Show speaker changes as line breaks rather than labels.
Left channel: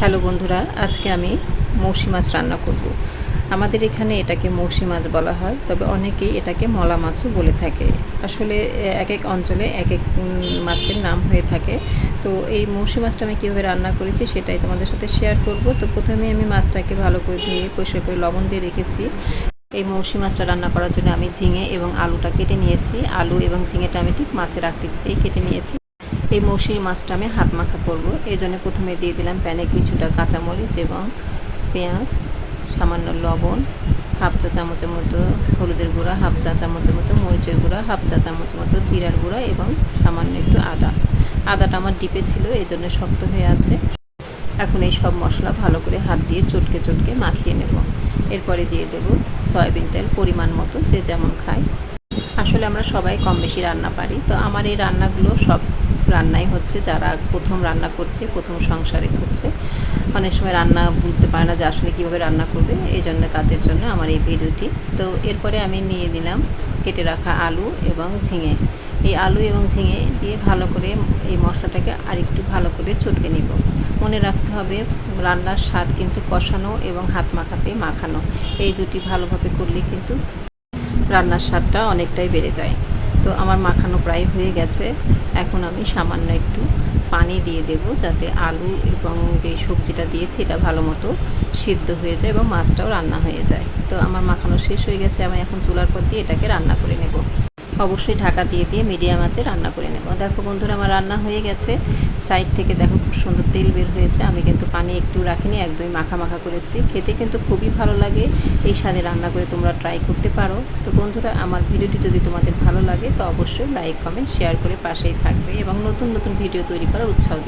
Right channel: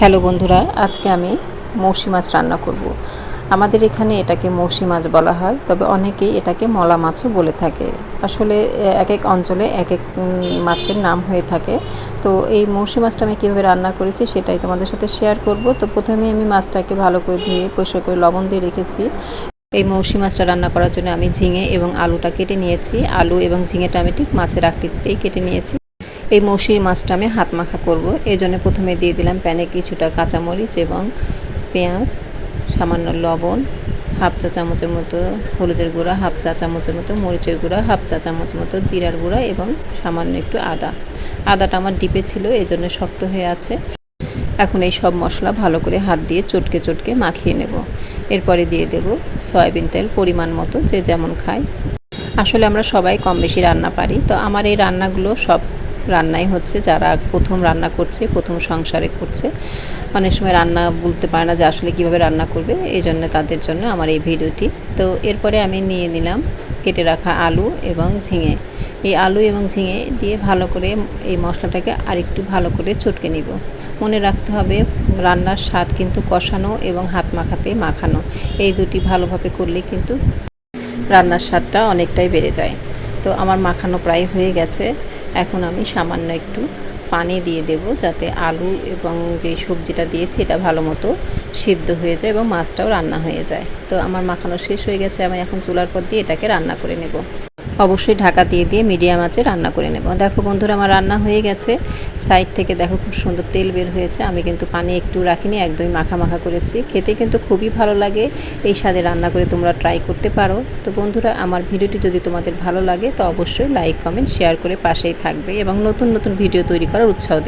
Hello বন্ধুরা, আজকে আমি মৌসি মাছ রান্না করব। আমাদের এখানে এটাকে মৌসি মাছ বলা হয়, তবে অনেকেই এটাকে মলা মাছও বলে থাকে। আসলে এক এক অঞ্চলে এক এক মাছের নাম হয়ে থাকে। তো এই মৌসি মাছটা আমি কীভাবে রান্না করেছি সেটাই তোমাদের সাথে শেয়ার করব। তো প্রথমে আমি মাছটাকে ভালো করে ধুয়ে, পরিষ্কার করে লবণ দিয়ে রেখেছি। এই মৌসি মাছটা রান্না করার জন্য আমি ঝিঙে এবং আলুটা কেটে নিয়েছি। আলু এবং ঝিঙেটা আমি ঠিক মাছের আকৃতিতেই কেটে নিয়েছি। এই মৌসির মাছটা আমি হাত মাখা করব। এই জন্য প্রথমে দিয়ে দিলাম প্যানে কিছুটা কাঁচামরিচ এবং পেঁয়াজ, সামান্য লবণ, হাফ চা চামচের মতো হলুদের গুঁড়া, হাফ চা চামচের মতো মরিচের গুঁড়া, হাফ চা চামচের মতো জিরার গুঁড়া এবং সামান্য একটু আদা। আদাটা আমার ডিপে ছিল, এই জন্য শক্ত হয়ে আছে। এখন এই সব মশলা ভালো করে হাত দিয়ে চটকে চটকে মাখিয়ে নেব। এরপরে দিয়ে দেব সয়াবিন তেল পরিমাণ মতো, যে যেমন খায়। আসলে আমরা সবাই কম বেশি রান্না পারি, তো আমার এই রান্নাগুলো সব রান্নাই হচ্ছে, যারা প্রথম রান্না করছে, প্রথম সংসারে করছে। অনেক সময় রান্না বলতে পারে না যে আসলে কীভাবে রান্না করবে, এই জন্য তাদের জন্য আমার এই ভিডিওটি। তো এরপরে আমি নিয়ে নিলাম কেটে রাখা আলু এবং ঝিঙে। এই আলু এবং ঝিঙে দিয়ে ভালো করে এই মশলাটাকে আরেকটু ভালো করে চটকে নিব। মনে রাখতে হবে, রান্নার স্বাদ কিন্তু কষানো এবং হাত মাখাতে মাখানো। এই দুটি ভালোভাবে করলে কিন্তু রান্নার স্বাদটা অনেকটাই বেড়ে যায়। তো আমার মাখানো প্রায় হয়ে গেছে। এখন আমি সামান্য একটু পানি দিয়ে দেব যাতে আলু এবং যে সবজিটা দিয়েছি এটা ভালো মতো সিদ্ধ হয়ে যায় এবং মাছটাও রান্না হয়ে যায়। তো আমার মাখানো শেষ হয়ে গেছে, আমি এখন চুলার পর দিয়ে এটাকে রান্না করে নেব। অবশ্যই ঢাকা দিয়ে দিয়ে মিডিয়াম আঁচে রান্না করে নেব। দেখো বন্ধুরা, আমার রান্না হয়ে গেছে। সাইড থেকে দেখো খুব সুন্দর তেল বের হয়েছে। আমি কিন্তু পানি একটু রাখিনি একদমই মাখা মাখা করেছি। খেতে কিন্তু খুবই ভালো লাগে। এই স্বাদে রান্না করে তোমরা ট্রাই করতে পারো। তো বন্ধুরা, আমার ভিডিওটি যদি তোমাদের ভালো লাগে, তো অবশ্যই লাইক কমেন্ট শেয়ার করে পাশেই থাকবে এবং নতুন নতুন ভিডিও তৈরি করার উৎসাহ দেবে।